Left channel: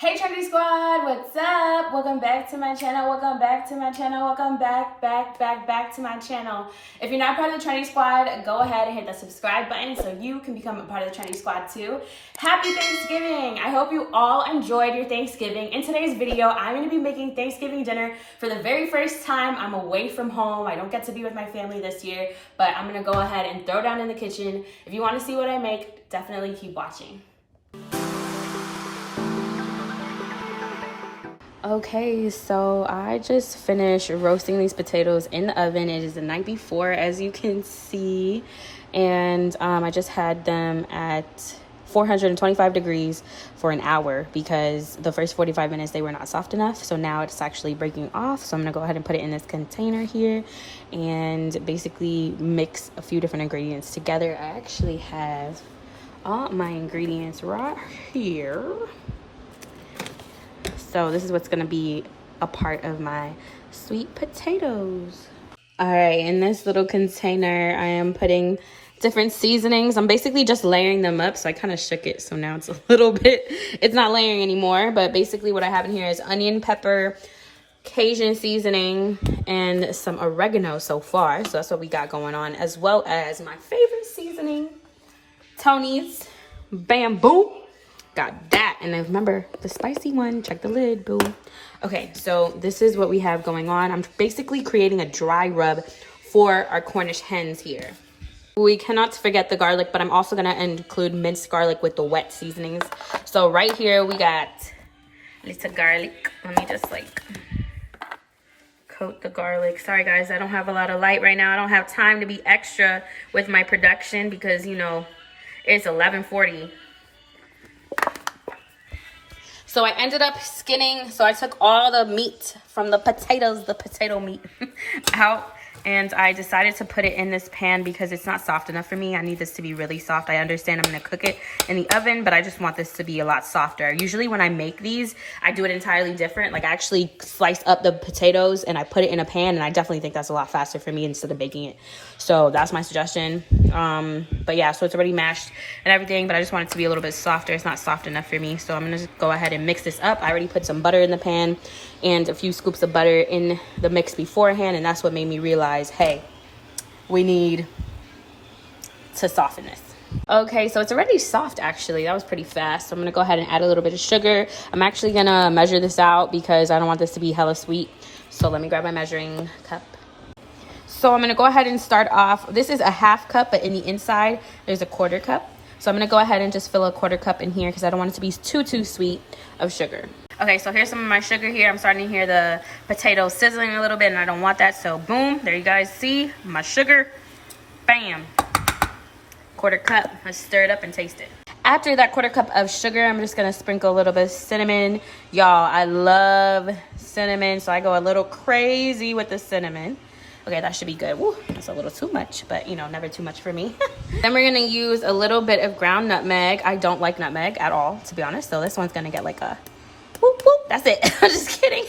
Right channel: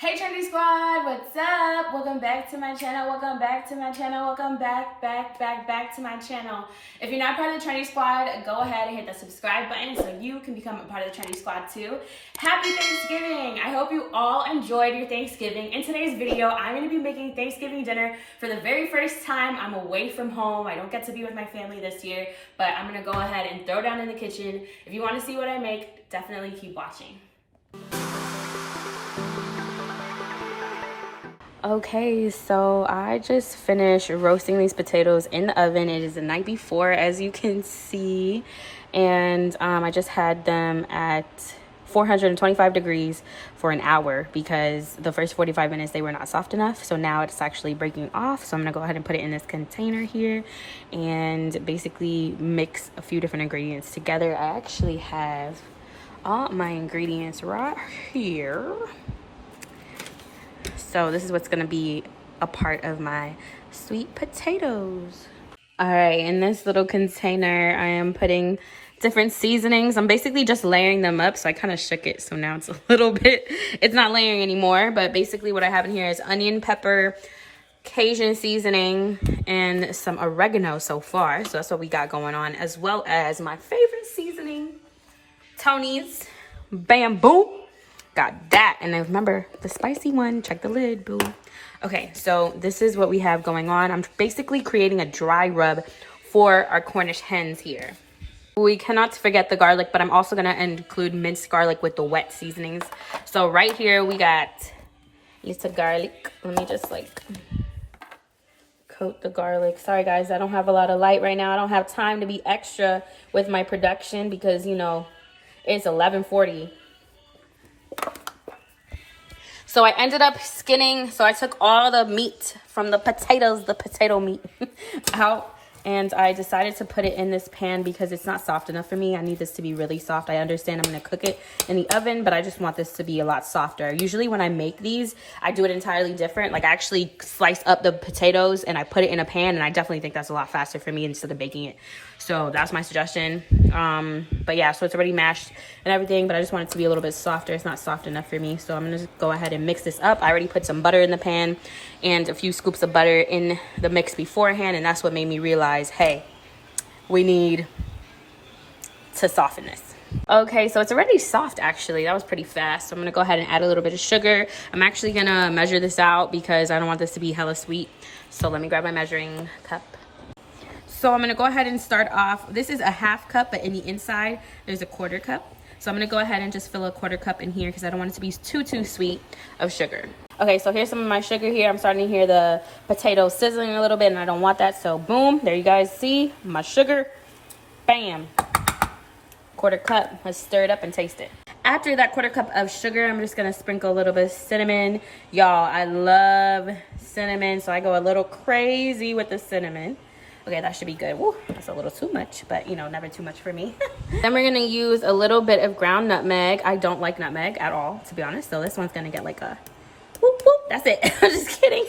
Hey Trendy Squad, what's up? Welcome back to my channel. Welcome back to my channel. Welcome back to my channel. If you're not part of the Trendy Squad, go ahead and hit the subscribe button so you can become a part of the Trendy Squad too. Happy Thanksgiving! I hope you all enjoyed your Thanksgiving. In today's video, I'm going to be making Thanksgiving dinner for the very first time. I'm away from home. I don't get to be with my family this year, but I'm going to go ahead and throw down in the kitchen. If you want to see what I make, definitely keep watching. Okay, so I just finished roasting these potatoes in the oven. It is the night before, as you can see, and I just had them at 425 degrees for an hour because the first 45 minutes they were not soft enough. So now it's actually breaking off. So I'm gonna go ahead and put it in this container here and basically mix a few different ingredients together. I actually have all my ingredients right here. So this is what's gonna be a part of my sweet potatoes. All right, in this little container, I am putting different seasonings. I'm basically just layering them up. So I kind of shook it, so now it's a little bit, it's not layering anymore. But basically what I have in here is onion, pepper, Cajun seasoning, and some oregano so far. So that's what we got going on, as well as my favorite seasoning, Tony's Bamboo. Got that. And then remember the spicy one, check the lid, boo. Okay, so this is what we have going on. I'm basically creating a dry rub for our Cornish hens here. We cannot forget the garlic, but I'm also gonna include minced garlic with the wet seasonings. So right here we got a little garlic. Let me just like coat the garlic. Sorry guys, I don't have a lot of light right now. I don't have time to be extra with my production because, you know, it's 11:40. So I ended up skinning, so I took all the meat from the potatoes, the potato meat out, and I decided to put it in this pan because it's not soft enough for me. I need this to be really soft. I understand I'm gonna cook it in the oven, but I just want this to be a lot softer. Usually when I make these, I do it entirely different. Like I actually slice up the potatoes and I put it in a pan, and I definitely think that's a lot faster for me instead of baking it. So that's my suggestion. But yeah, so it's already mashed and everything, but I just want it to be a little bit softer. It's not soft enough for me. So I'm gonna just go ahead and mix this up. I already put some butter in the pan and a few scoops of butter in the mix beforehand, and that's what made me realize, hey, we need to soften this. Okay, so it's already soft actually. That was pretty fast. So I'm gonna go ahead and add a little bit of sugar. I'm actually gonna measure this out because I don't want this to be hella sweet. So let me grab my measuring cup. So I'm gonna go ahead and start off. This is a half cup, but in the inside, there's a quarter cup. So I'm gonna go ahead and just fill a quarter cup in here because I don't want it to be too sweet of sugar. Okay, so here's some of my sugar here. I'm starting to hear the potatoes sizzling a little bit, and I don't want that. So boom, there you guys see my sugar. Bam. Quarter cup. Let's stir it up and taste it. After that quarter cup of sugar, I'm just gonna sprinkle a little bit of cinnamon. Y'all, I love cinnamon, so I go a little crazy with the cinnamon. Okay, that should be good. Woo, that's a little too much, but you know, never too much for me. Then we're gonna use a little bit of ground nutmeg. I don't like nutmeg at all, to be honest. So this one's gonna get like a whoop, whoop. That's it. I'm just kidding.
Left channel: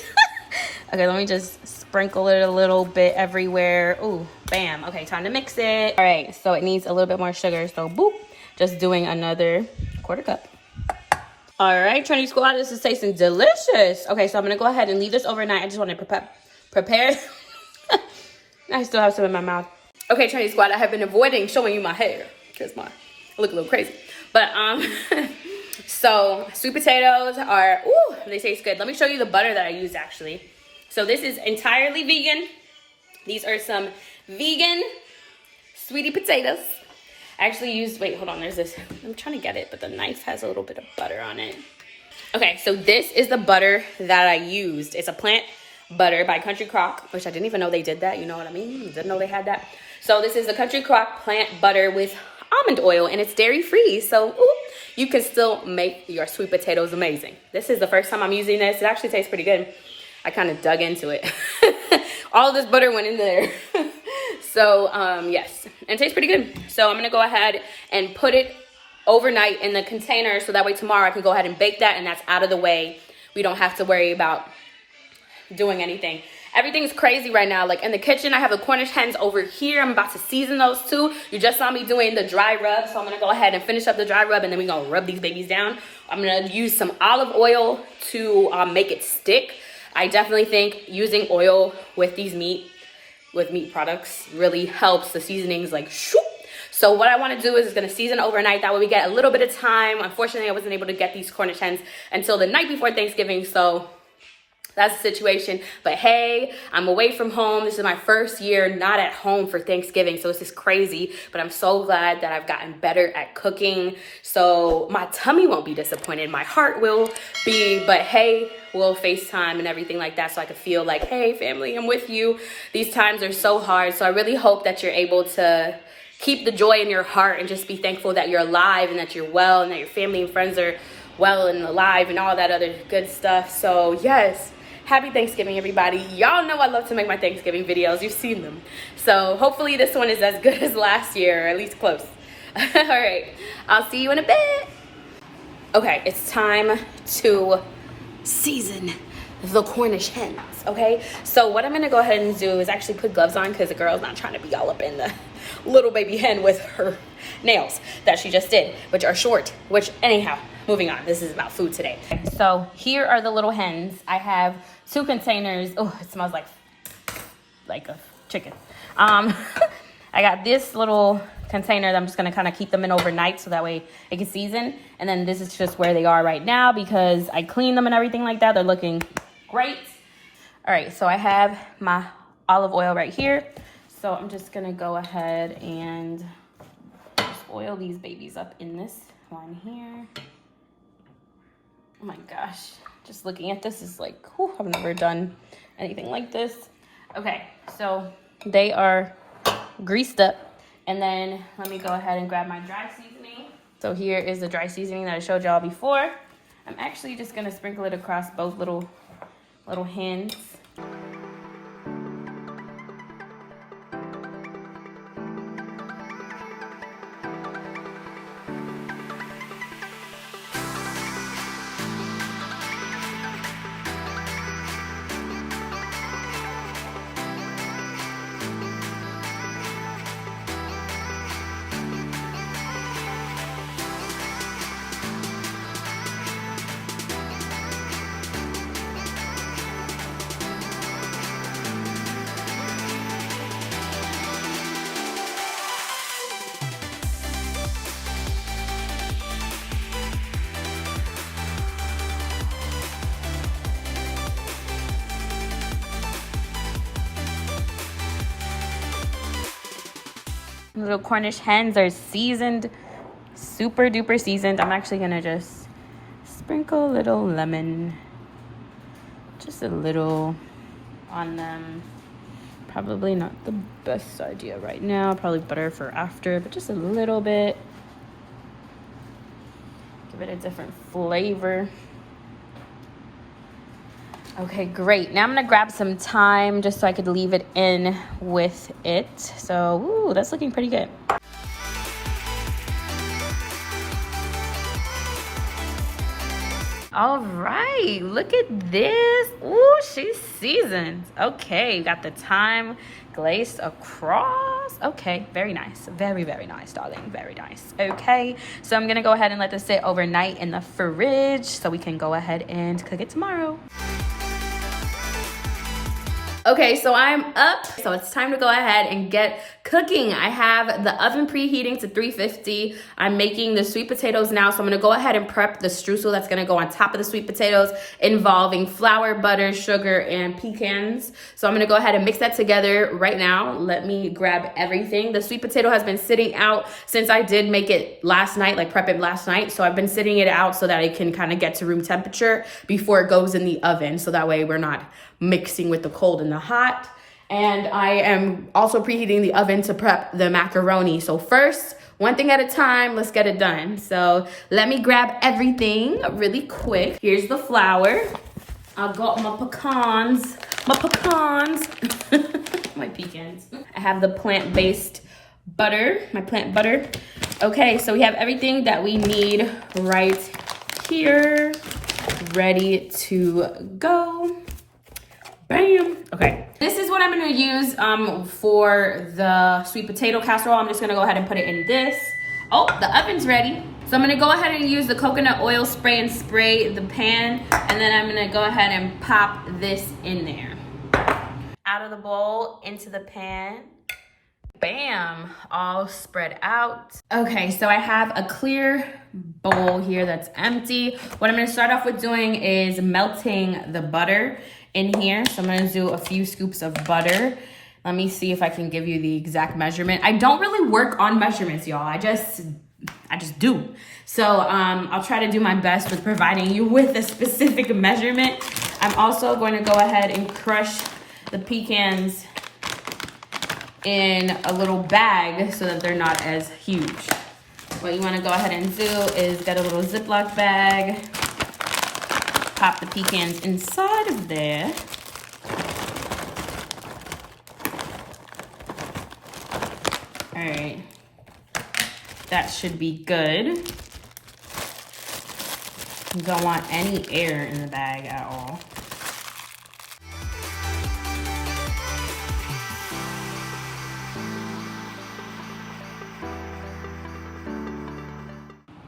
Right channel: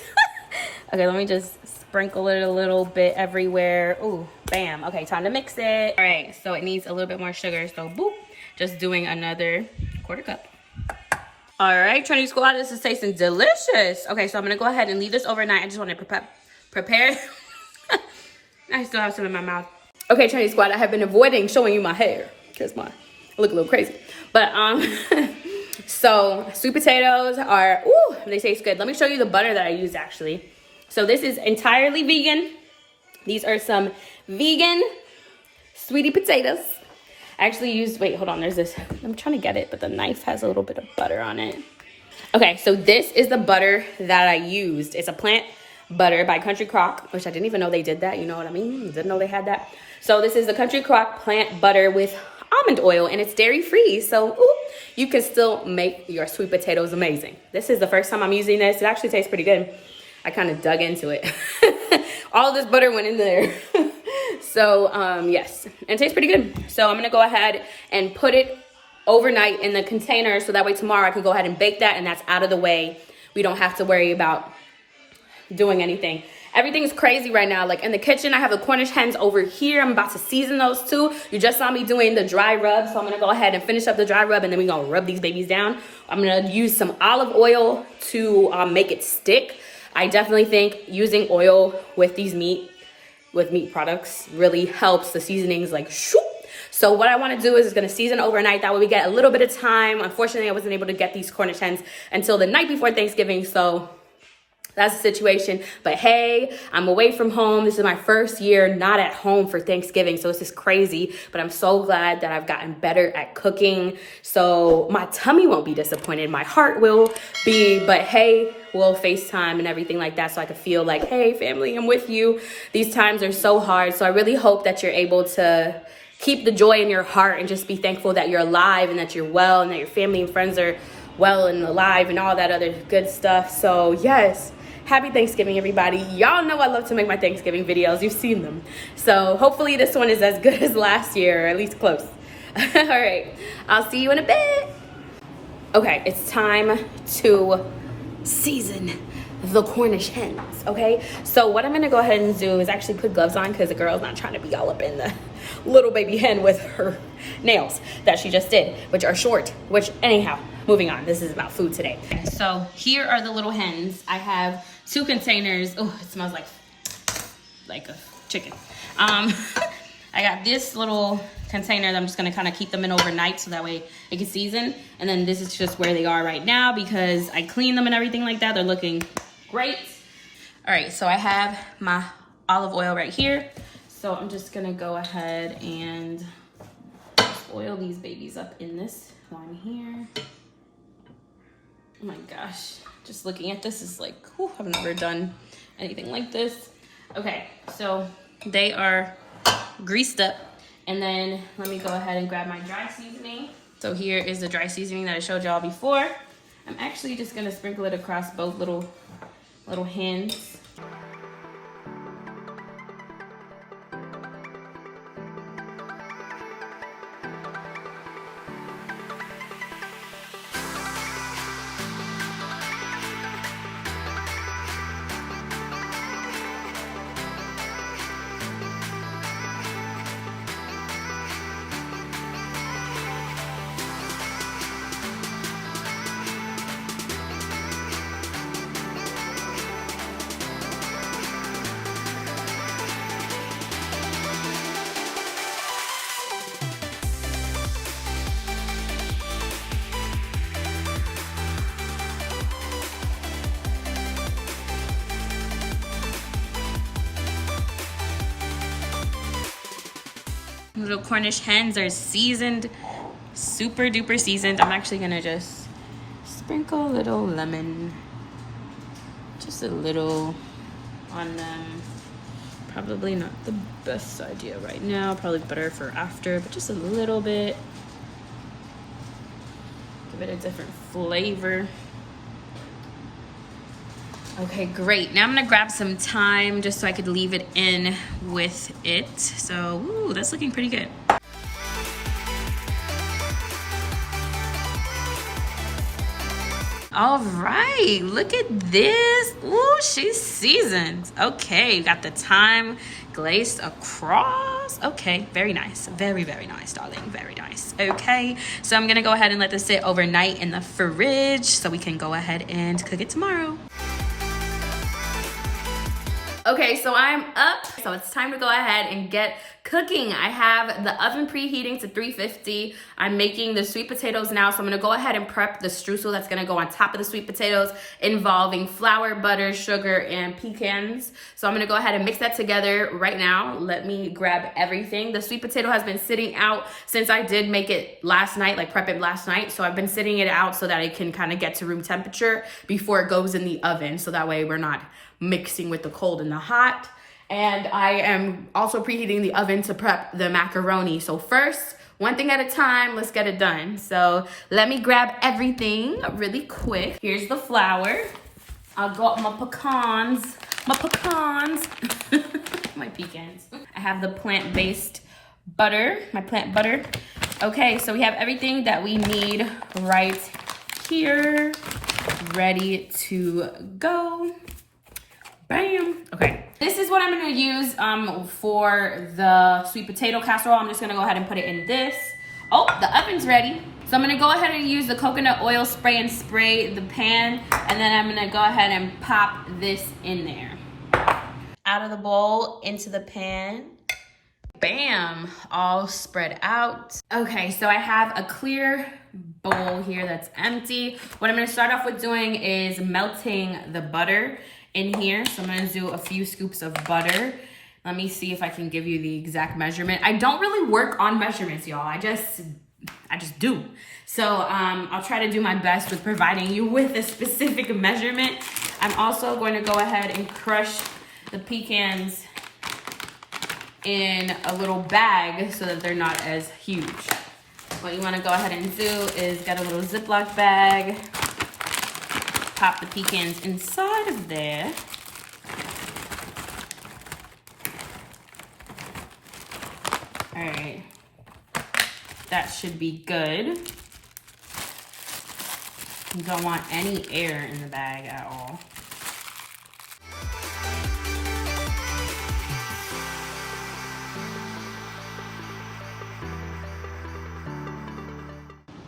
Okay, let me just sprinkle it a little bit everywhere. Ooh, bam. Okay, time to mix it. All right, so it needs a little bit more sugar. So boop, just doing another quarter cup. All right, Trendy Squad, this is tasting delicious. Okay, so I'm gonna go ahead and leave this overnight. I just want to prepare. I still have some in my mouth. Okay, Trendy Squad, I have been avoiding showing you my hair because I look a little crazy. But so sweet potatoes are, ooh, they taste good. Let me show you the butter that I used actually. So this is entirely vegan. These are some vegan sweetie potatoes. I actually used, wait, hold on, there's this. I'm trying to get it, but the knife has a little bit of butter on it. Okay, so this is the butter that I used. It's a plant butter by Country Crock, which I didn't even know they did that. You know what I mean? Didn't know they had that. So this is the Country Crock plant butter with almond oil, and it's dairy free. So ooh, you can still make your sweet potatoes amazing. This is the first time I'm using this. It actually tastes pretty good. I kind of dug into it. All this butter went in there. So yes, and it tastes pretty good. So I'm gonna go ahead and put it overnight in the container so that way tomorrow I can go ahead and bake that, and that's out of the way. We don't have to worry about doing anything. Everything's crazy right now. Like in the kitchen, I have the Cornish hens over here. I'm about to season those too. You just saw me doing the dry rub, so I'm gonna go ahead and finish up the dry rub, and then we're gonna rub these babies down. I'm gonna use some olive oil to make it stick. I definitely think using oil with these meat products really helps the seasonings like shoop. So what I want to do is going to season overnight. That way we get a little bit of time. Unfortunately, I wasn't able to get these Cornish hens until the night before Thanksgiving. So that's the situation. But hey, I'm away from home. This is my first year not at home for Thanksgiving. So this is crazy. But I'm so glad that I've gotten better at cooking. So my tummy won't be disappointed. My heart will be. But hey, we'll FaceTime and everything like that, so I can feel like, hey, family, I'm with you. These times are so hard. So I really hope that you're able to keep the joy in your heart and just be thankful that you're alive and that you're well and that your family and friends are well and alive and all that other good stuff. So yes, happy Thanksgiving, everybody. Y'all know I love to make my Thanksgiving videos. You've seen them. So hopefully this one is as good as last year, or at least close. All right, I'll see you in a bit. Okay, it's time to season the Cornish hens, okay? So what I'm gonna go ahead and do is actually put gloves on, because the girl's not trying to be all up in the little baby hen with her nails that she just did, which are short, which anyhow, moving on. This is about food today. So here are the little hens. I have 2 containers. Oh, it smells like a chicken. I got this little container that I'm just gonna kind of keep them in overnight so that way it can season. And then this is just where they are right now because I cleaned them and everything like that. They're looking great. All right, so I have my olive oil right here. So I'm just gonna go ahead and oil these babies up in this one here. Oh my gosh, just looking at this is like, whew, I've never done anything like this. Okay, so they are greased up. And then let me go ahead and grab my dry seasoning. So here is the dry seasoning that I showed y'all before. I'm actually just gonna sprinkle it across both little hens. Little Cornish hens are seasoned, super duper seasoned. I'm actually gonna just sprinkle a little lemon, just a little on them. Probably not the best idea right now, probably better for after, but just a little bit. Give it a different flavor. Okay, great. Now I'm gonna grab some thyme just so I could leave it in with it. So, ooh, that's looking pretty good. All right, look at this. Ooh, she's seasoned. Okay, got the thyme glazed across. Okay, very nice. Very, very nice, darling. Very nice. Okay, so I'm gonna go ahead and let this sit overnight in the fridge so we can go ahead and cook it tomorrow. Okay, so I'm up. So it's time to go ahead and get cooking. I have the oven preheating to 350. I'm making the sweet potatoes now. So I'm gonna go ahead and prep the streusel that's gonna go on top of the sweet potatoes, involving flour, butter, sugar, and pecans. So I'm gonna go ahead and mix that together right now. Let me grab everything. The sweet potato has been sitting out since I did make it last night, like prep it last night. So I've been sitting it out so that it can kind of get to room temperature before it goes in the oven. So that way we're not mixing with the cold and the hot. And I am also preheating the oven to prep the macaroni. So first, one thing at a time, let's get it done. So let me grab everything really quick. Here's the flour. I've got my pecans, my pecans. I have the plant-based butter, my plant butter. Okay, so we have everything that we need right here, ready to go. Bam. Okay. This is what I'm gonna use for the sweet potato casserole. I'm just gonna go ahead and put it in this. Oh, the oven's ready. So I'm gonna go ahead and use the coconut oil spray and spray the pan. And then I'm gonna go ahead and pop this in there. Out of the bowl, into the pan. Bam, all spread out. Okay, so I have a clear bowl here that's empty. What I'm gonna start off with doing is melting the butter in here. So I'm gonna do a few scoops of butter. Let me see if I can give you the exact measurement. I don't really work on measurements, y'all. I just do. So I'll try to do my best with providing you with a specific measurement. I'm also going to go ahead and crush the pecans in a little bag so that they're not as huge. What you want to go ahead and do is get a little Ziploc bag, pop the pecans inside of there. All right, that should be good. You don't want any air in the bag at all.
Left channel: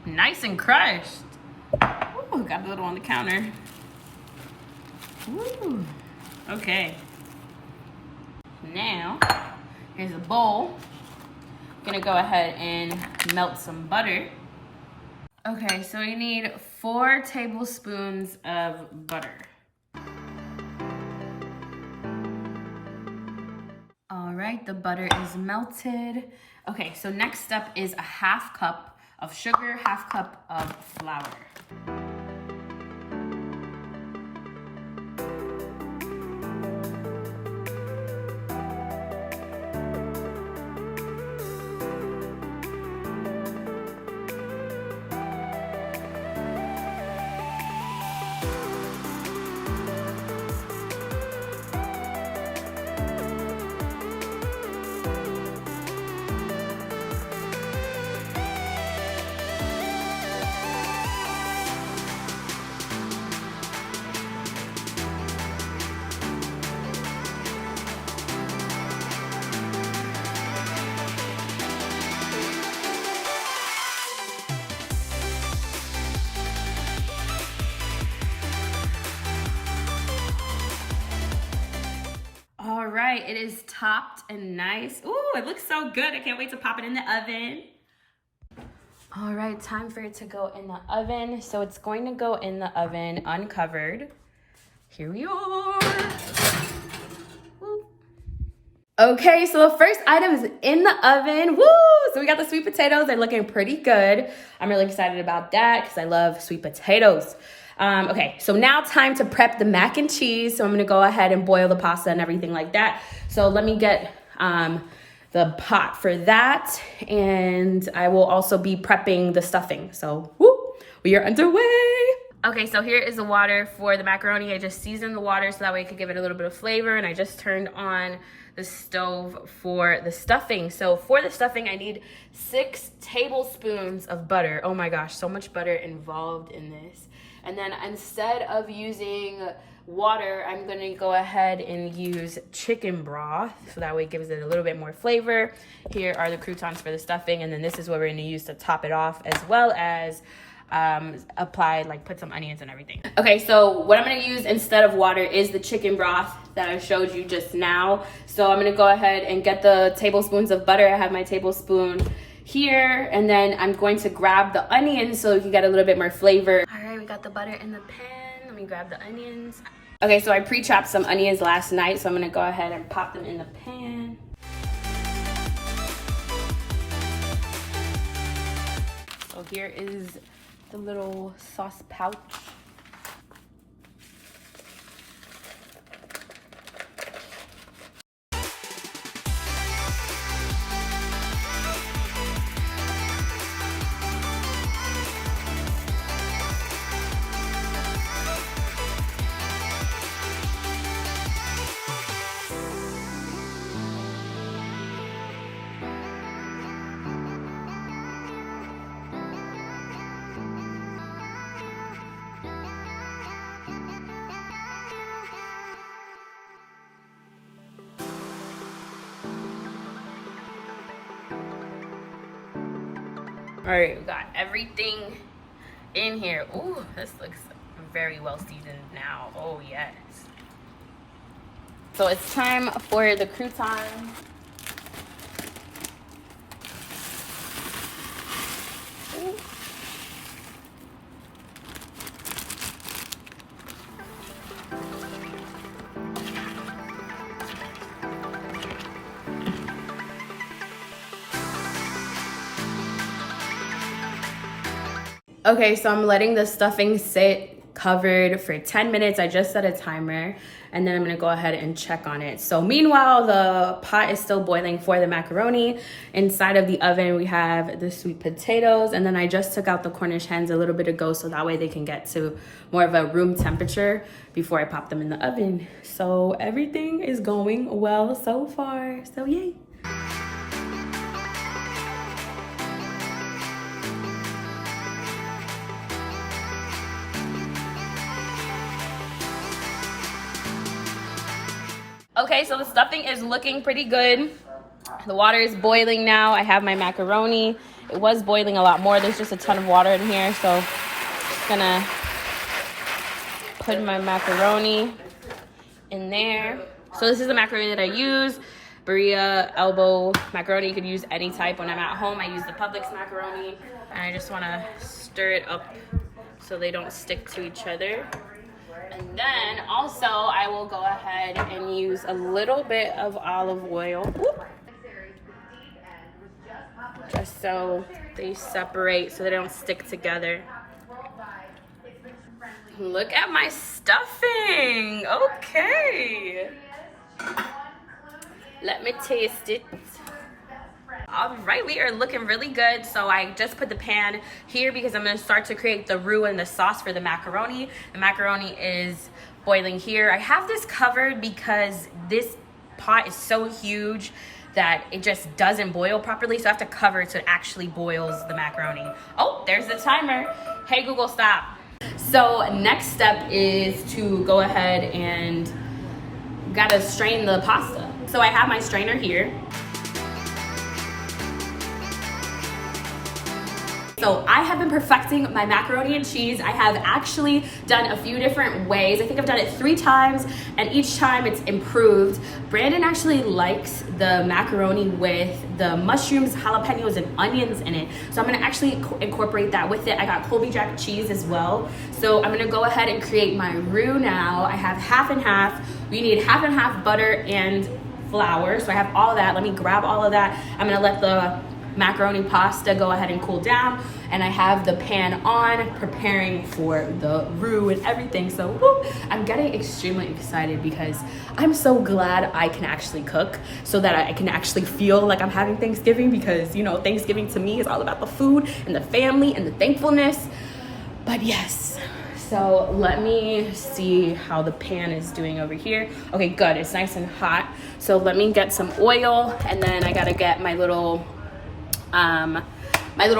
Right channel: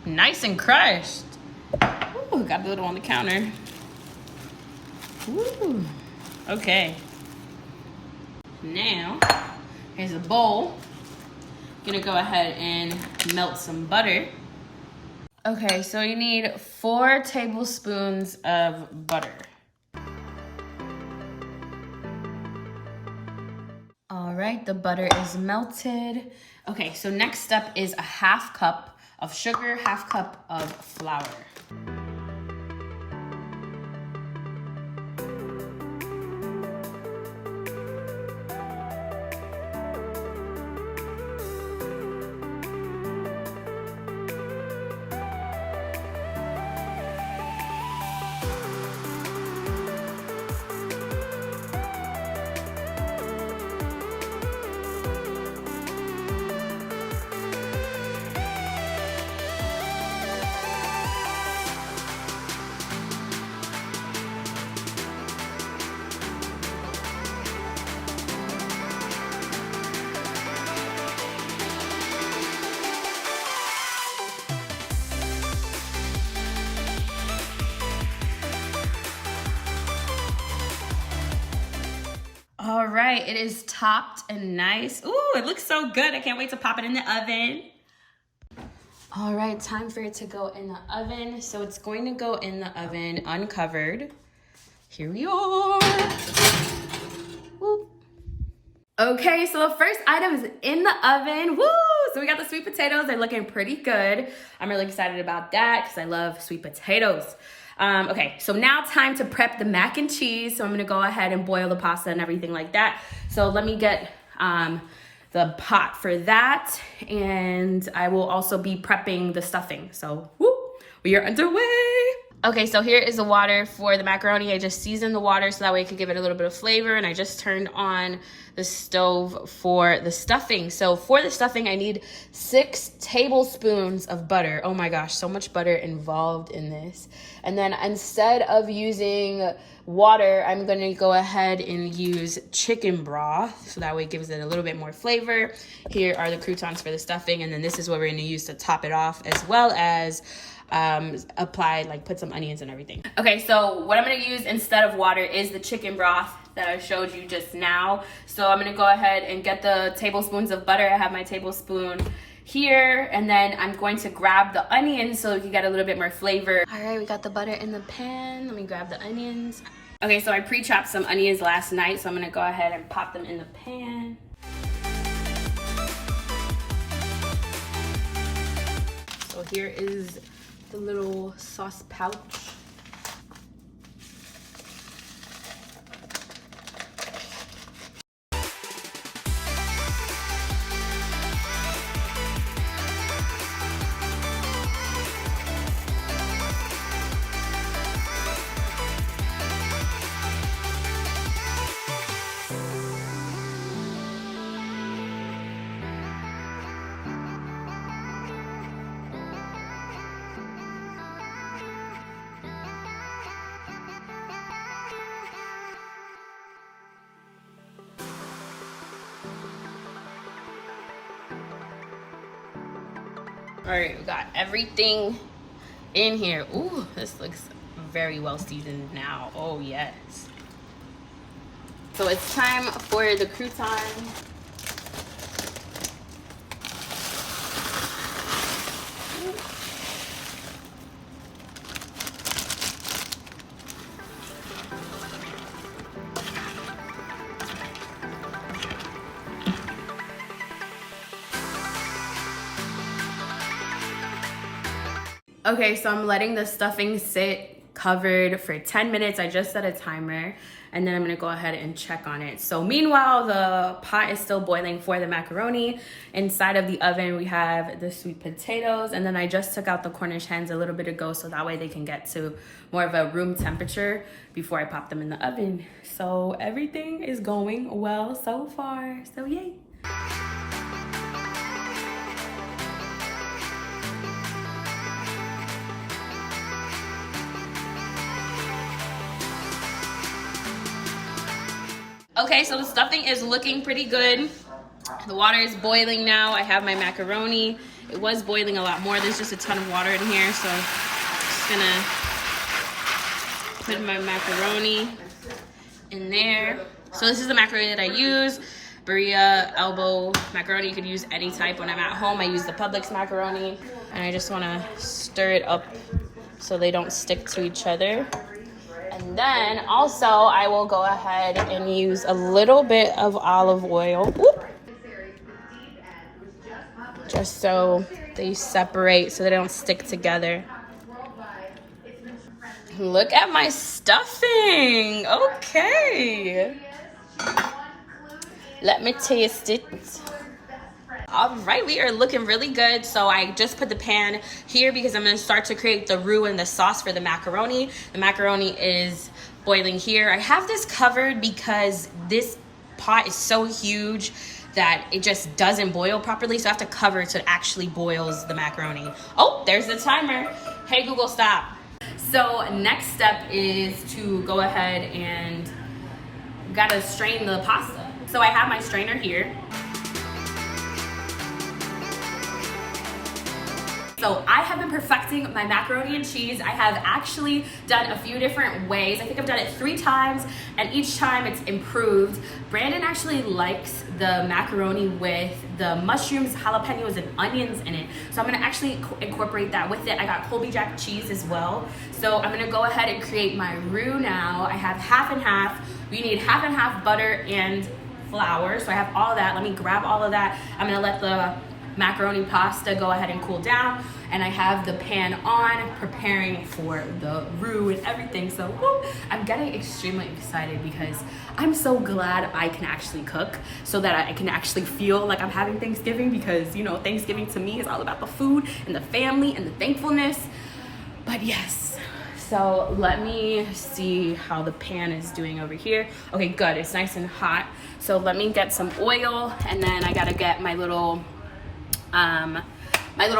Nice and crushed. Ooh, got a little on the counter. Ooh, okay. Now, here's a bowl. I'm gonna go ahead and melt some butter. Okay, so you need 4 tablespoons of butter. All right, the butter is melted. Okay, so next step is a 1/2 cup of sugar, 1/2 cup of flour. All right, it is topped and nice. Ooh, it looks so good. I can't wait to pop it in the oven. All right, time for it to go in the oven. So it's going to go in the oven uncovered. Here we are. Woo. Okay, so the first item is in the oven. Woo! So we got the sweet potatoes. They're looking pretty good. I'm really excited about that because I love sweet potatoes. Okay, so now time to prep the mac and cheese. So I'm gonna go ahead and boil the pasta and everything like that. So let me get the pot for that. And I will also be prepping the stuffing. So woo, we are underway. Okay, so here is the water for the macaroni. I just seasoned the water so that way I could give it a little bit of flavor, and I just turned on the stove for the stuffing. So for the stuffing, I need 6 tablespoons of butter. Oh my gosh, so much butter involved in this. And then instead of using water, I'm gonna go ahead and use chicken broth, so that way it gives it a little bit more flavor. Here are the croutons for the stuffing, and then this is what we're gonna use to top it off, as well as apply, like put some onions and everything. Okay, so what I'm gonna use instead of water is the chicken broth that I showed you just now. So I'm gonna go ahead and get the tablespoons of butter. I have my tablespoon here, and then I'm going to grab the onions so you can get a little bit more flavor. All right, we got the butter in the pan. Let me grab the onions. Okay, so I pre-chopped some onions last night, so I'm gonna go ahead and pop them in the pan. So here is the little sauce pouch. All right, we got everything in here. Ooh, this looks very well seasoned now. Oh yes. So it's time for the crouton. Okay, so I'm letting the stuffing sit covered for 10 minutes. I just set a timer, and then I'm gonna go ahead and check on it. So meanwhile, the pot is still boiling for the macaroni. Inside of the oven, we have the sweet potatoes, and then I just took out the Cornish hens a little bit ago so that way they can get to more of a room temperature before I pop them in the oven. So everything is going well so far, so yay. Okay, so the stuffing is looking pretty good. The water is boiling now. I have my macaroni. It was boiling a lot more. There's just a ton of water in here, so I'm just gonna put my macaroni in there. So this is the macaroni that I use. Berea elbow macaroni. You can use any type. When I'm at home, I use the Publix macaroni. And I just wanna stir it up so they don't stick to each other. And then also I will go ahead and use a little bit of olive oil. Whoop. Just so they separate so they don't stick together. Look at my stuffing. Okay. Let me taste it. All right, we are looking really good. So I just put the pan here because I'm gonna start to create the roux and the sauce for the macaroni. The macaroni is boiling here. I have this covered because this pot is so huge that it just doesn't boil properly. So I have to cover it so it actually boils the macaroni. Oh, there's the timer. Hey Google, stop. So next step is to go ahead and gotta strain the pasta. So I have my strainer here. So I have been perfecting my macaroni and cheese. I have actually done a few different ways. I think I've done it 3 times, and each time it's improved. Brandon actually likes the macaroni with the mushrooms, jalapenos, and onions in it. So I'm gonna actually incorporate that with it. I got Colby Jack cheese as well. So I'm gonna go ahead and create my roux now. I have half and half. We need half and half butter and flour. So I have all of that. Let me grab all of that. I'm gonna let the macaroni pasta go ahead and cool down, and I have the pan on preparing for the roux and everything. So whoop, I'm getting extremely excited because I'm so glad I can actually cook so that I can actually feel like I'm having Thanksgiving, because you know, Thanksgiving to me is all about the food and the family and the thankfulness. But yes, so let me see how the pan is doing over here. Okay, good, it's nice and hot. So let me get some oil, and then I gotta get my little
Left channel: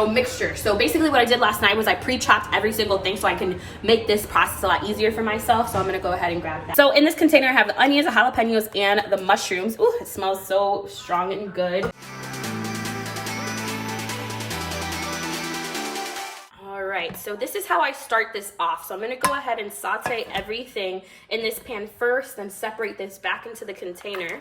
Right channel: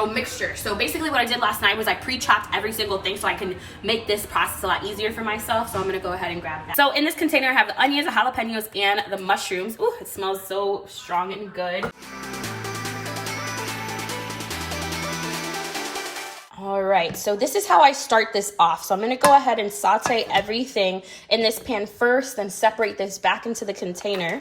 mixture. So basically what I did last night was I pre-chopped every single thing so I can make this process a lot easier for myself. So I'm gonna go ahead and grab that. So in this container I have the onions, the jalapenos, and the mushrooms. Ooh, it smells so strong and good. All right, so this is how I start this off. So I'm gonna go ahead and saute everything in this pan first, then separate this back into the container.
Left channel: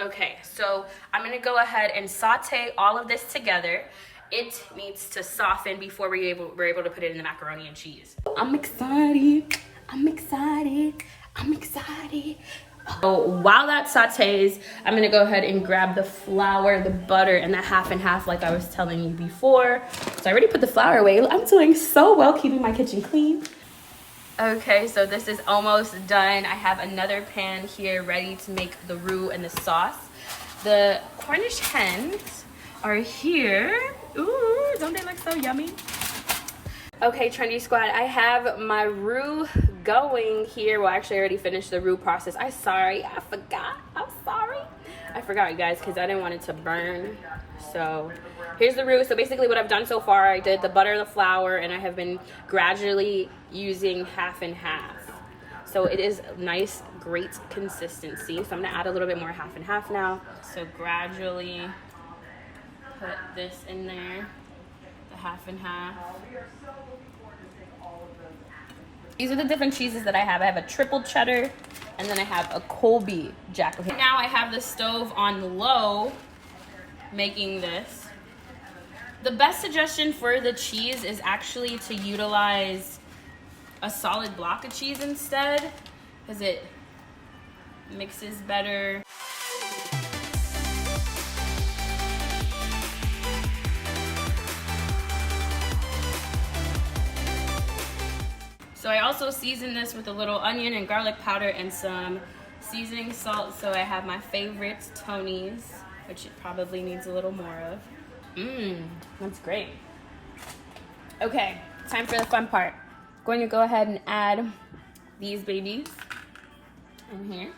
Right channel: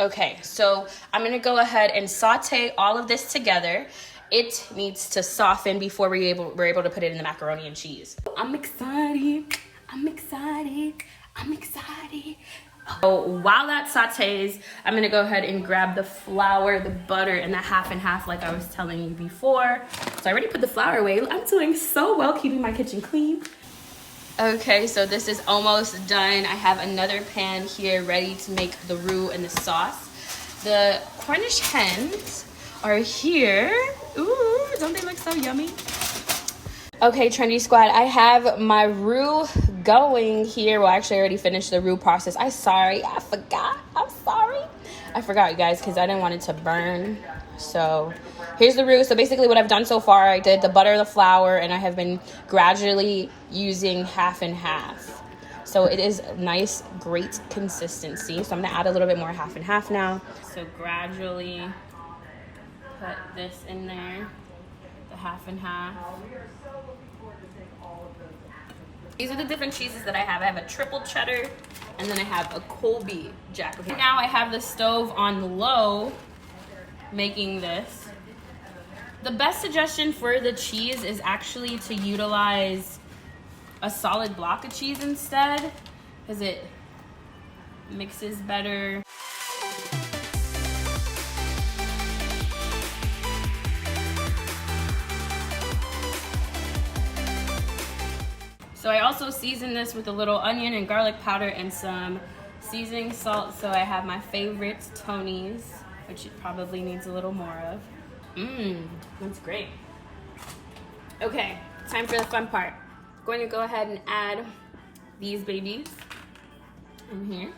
Okay, so I'm gonna go ahead and saute all of this together. It needs to soften before we're able to put it in the macaroni and cheese. I'm excited, I'm excited, I'm excited. So while that sautés, I'm gonna go ahead and grab the flour, the butter, and the half and half like I was telling you before. So I already put the flour away. I'm doing so well keeping my kitchen clean. Okay, so this is almost done. I have another pan here ready to make the roux and the sauce. The Cornish hens are here. Ooh, don't they look so yummy? Okay, Trendy Squad, I have my roux going here. Well, actually, I already finished the roux process. I forgot. I'm sorry. I forgot, you guys, because I didn't want it to burn. So here's the roux. So basically what I've done so far, I did the butter, the flour, and I have been gradually using half and half. So it is nice, great consistency. So I'm gonna add a little bit more half and half now. So gradually put this in there, the half and half. These are the different cheeses that I have. I have a triple cheddar, and then I have a Colby Jack. Okay. Now I have the stove on low, making this. The best suggestion for the cheese is actually to utilize a solid block of cheese instead, because it mixes better. So I also season this with a little onion and garlic powder and some seasoning salt. So I have my favorite Tony's, which it probably needs a little more of. That's great. Okay, time for the fun part. I'm going to go ahead and add these babies in here.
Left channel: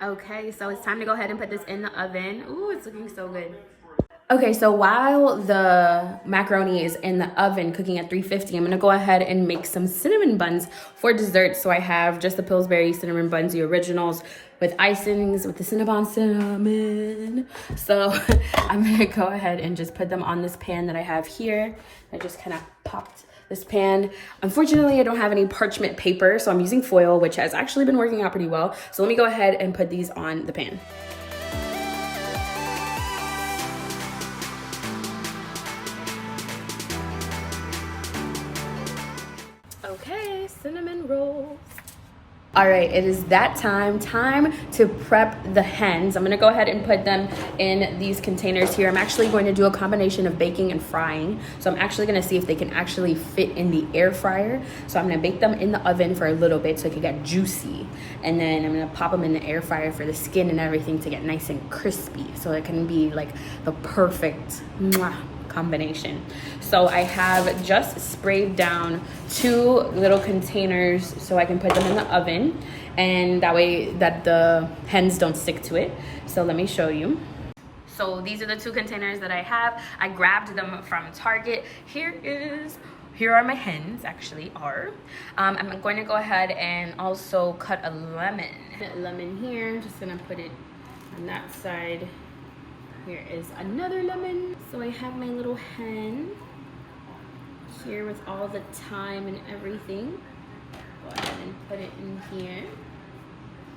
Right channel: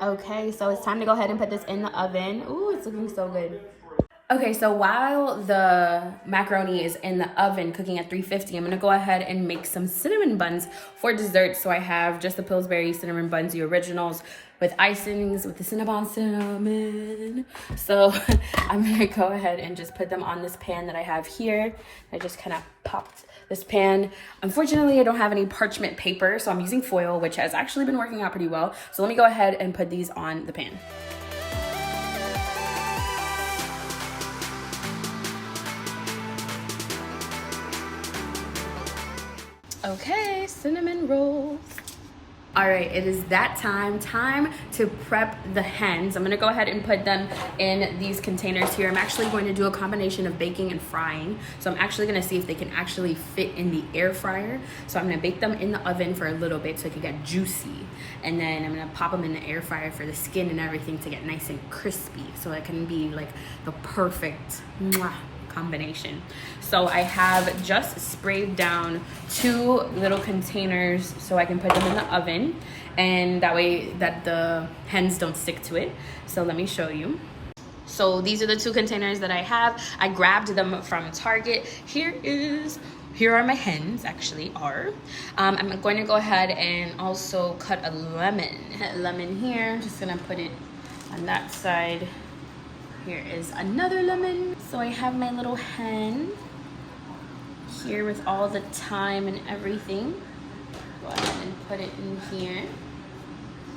Okay, so it's time to go ahead and put this in the oven. Ooh, it's looking so good. Okay, so while the macaroni is in the oven cooking at 350, I'm gonna go ahead and make some cinnamon buns for dessert. So I have just the Pillsbury cinnamon buns, the originals, with icings, with the cinnamon. So I'm gonna go ahead and just put them on this pan that I have here. I just kind of popped this pan. Unfortunately, I don't have any parchment paper, so I'm using foil, which has actually been working out pretty well. So let me go ahead and put these on the pan. Okay, cinnamon rolls. All right, it is that time to prep the hens. I'm gonna go ahead and put them in these containers here. I'm actually going to do a combination of baking and frying. So I'm actually gonna see if they can actually fit in the air fryer. So I'm gonna bake them in the oven for a little bit so it can get juicy. And then I'm gonna pop them in the air fryer for the skin and everything to get nice and crispy. So it can be like the perfect combination. So I have just sprayed down 2 little containers so I can put them in the oven, and that way that the hens don't stick to it. So let me show you. So these are the 2 containers that I have. I grabbed them from Target. Here are my hens, actually are. I'm going to go ahead and also cut a lemon here. I'm just gonna put it on that side. Here is another lemon. So I have my little hen here with all the thyme and everything. Go ahead and put it in here.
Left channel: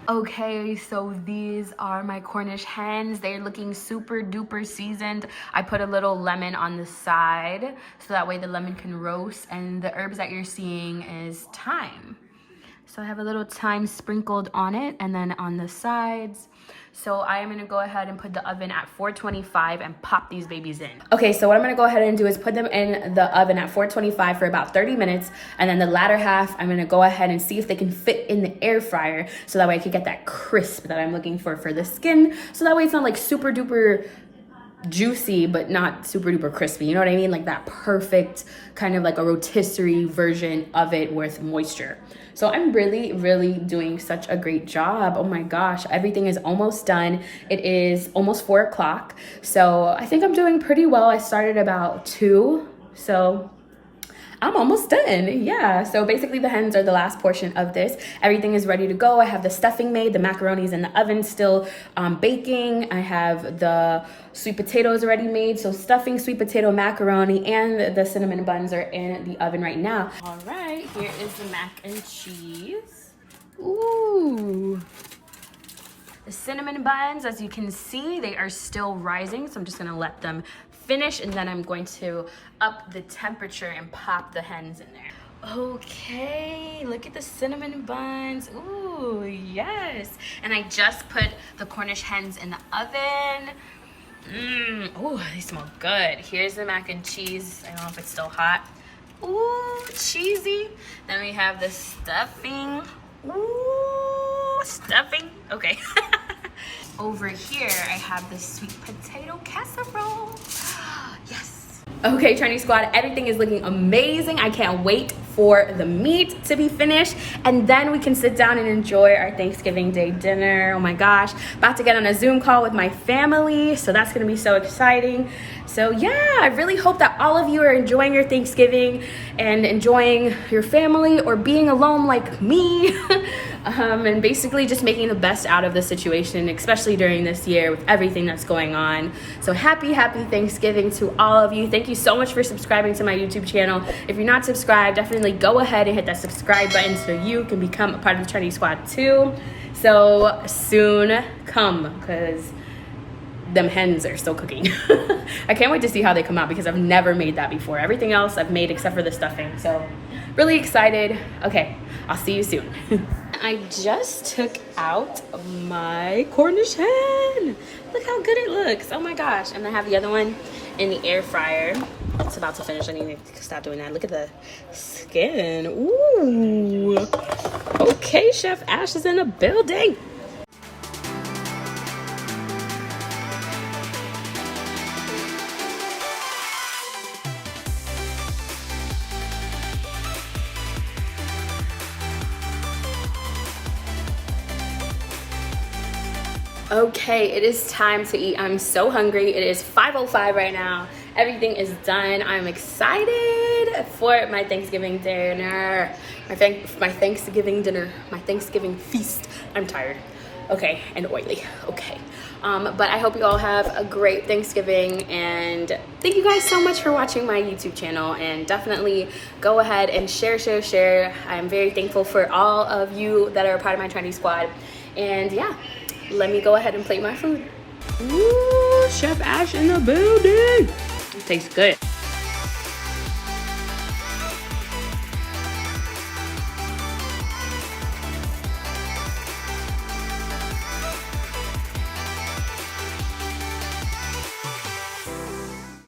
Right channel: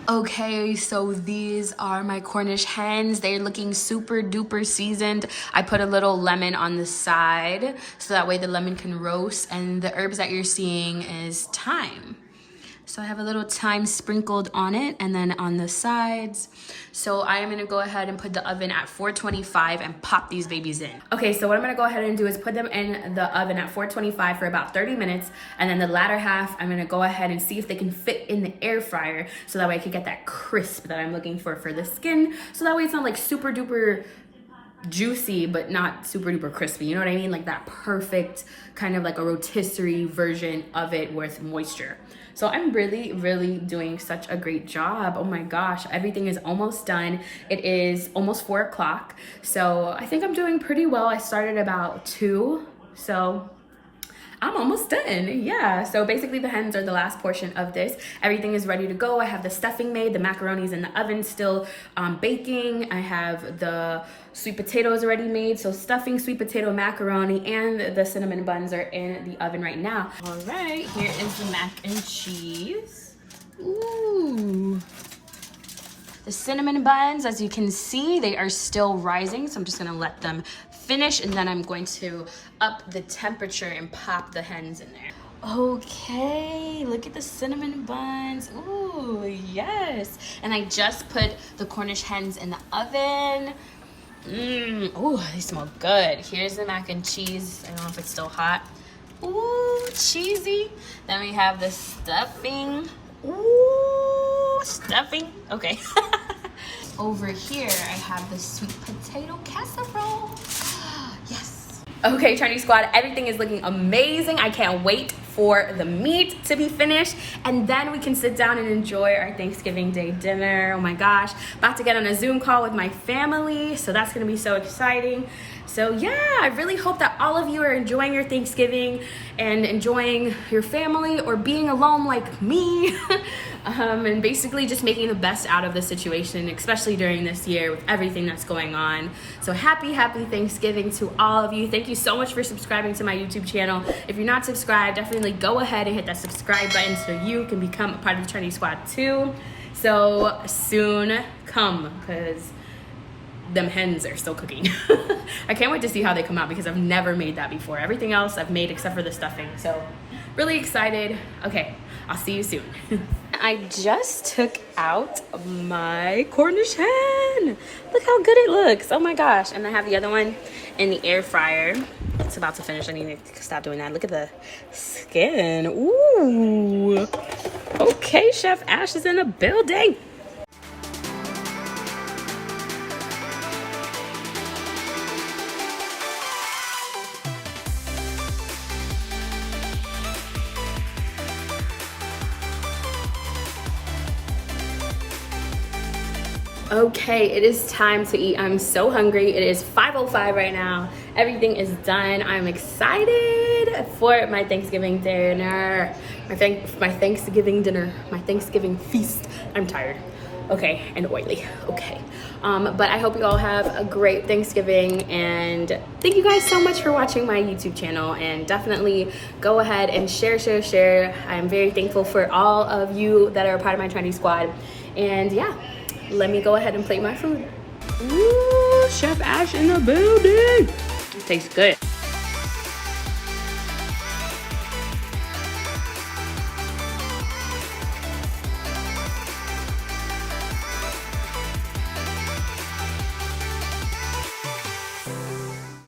Okay, so these are my Cornish hens. They're looking super duper seasoned. I put a little lemon on the side so that way the lemon can roast, and the herbs that you're seeing is thyme. So I have a little thyme sprinkled on it and then on the sides. So I am gonna go ahead and put the oven at 425 and pop these babies in. Okay, so what I'm gonna go ahead and do is put them in the oven at 425 for about 30 minutes. And then the latter half, I'm gonna go ahead and see if they can fit in the air fryer so that way I can get that crisp that I'm looking for the skin. So that way it's not like super duper juicy but not super duper crispy, you know what I mean? Like that perfect kind of like a rotisserie version of it with moisture. So I'm really doing such a great job. Oh my gosh, everything is almost done. It is almost 4 o'clock, so I think I'm doing pretty well. I started about 2, so I'm almost done. Yeah, so basically the hens are the last portion of this. Everything is ready to go. I have the stuffing made, the macaroni's in the oven still baking. I have the sweet potatoes already made. So stuffing, sweet potato, macaroni, and the cinnamon buns are in the oven right now. All right, here is the mac and cheese. Ooh. The cinnamon buns, as you can see, they are still rising, so I'm just gonna let them finish, and then I'm going to up the temperature and pop the hens in there. Okay, look at the cinnamon buns. Ooh, yes. And I just put the Cornish hens in the oven. Oh, they smell good. Here's the mac and cheese. I don't know if it's still hot. Ooh, cheesy. Then we have the stuffing. Ooh, stuffing. Okay. Over here, I have the sweet potato casserole. Yes. Okay, Trendy Squad, everything is looking amazing. I can't wait for the meat to be finished, and then we can sit down and enjoy our Thanksgiving Day dinner. Oh my gosh, about to get on a Zoom call with my family, so that's gonna be so exciting. So yeah, I really hope that all of you are enjoying your Thanksgiving and enjoying your family or being alone like me. And basically just making the best out of the situation, especially during this year with everything that's going on. So happy Thanksgiving to all of you. Thank you so much for subscribing to my YouTube channel. If you're not subscribed, definitely go ahead and hit that subscribe button so you can become a part of the Trendy Squad too. So soon come, because them hens are still cooking. I can't wait to see how they come out because I've never made that before. Everything else I've made except for the stuffing. So really excited. Okay, I'll see you soon. I just took out my Cornish hen. Look how good it looks. Oh my gosh. And I have the other one in the air fryer. It's about to finish. I need to stop doing that. Look at the skin. Ooh. Okay, Chef Ash is in the building. Okay, it is time to eat. I'm so hungry. It is 5:05 right now. Everything is done. I'm excited for my Thanksgiving dinner. My Thanksgiving dinner. My Thanksgiving feast. I'm tired. Okay, and oily. Okay. But I hope you all have a great Thanksgiving, and thank you guys so much for watching my YouTube channel, and definitely go ahead and share. I'm very thankful for all of you that are a part of my Trendy Squad. And yeah, let me go ahead and plate my food. Ooh, Chef Ash in the building. It tastes good.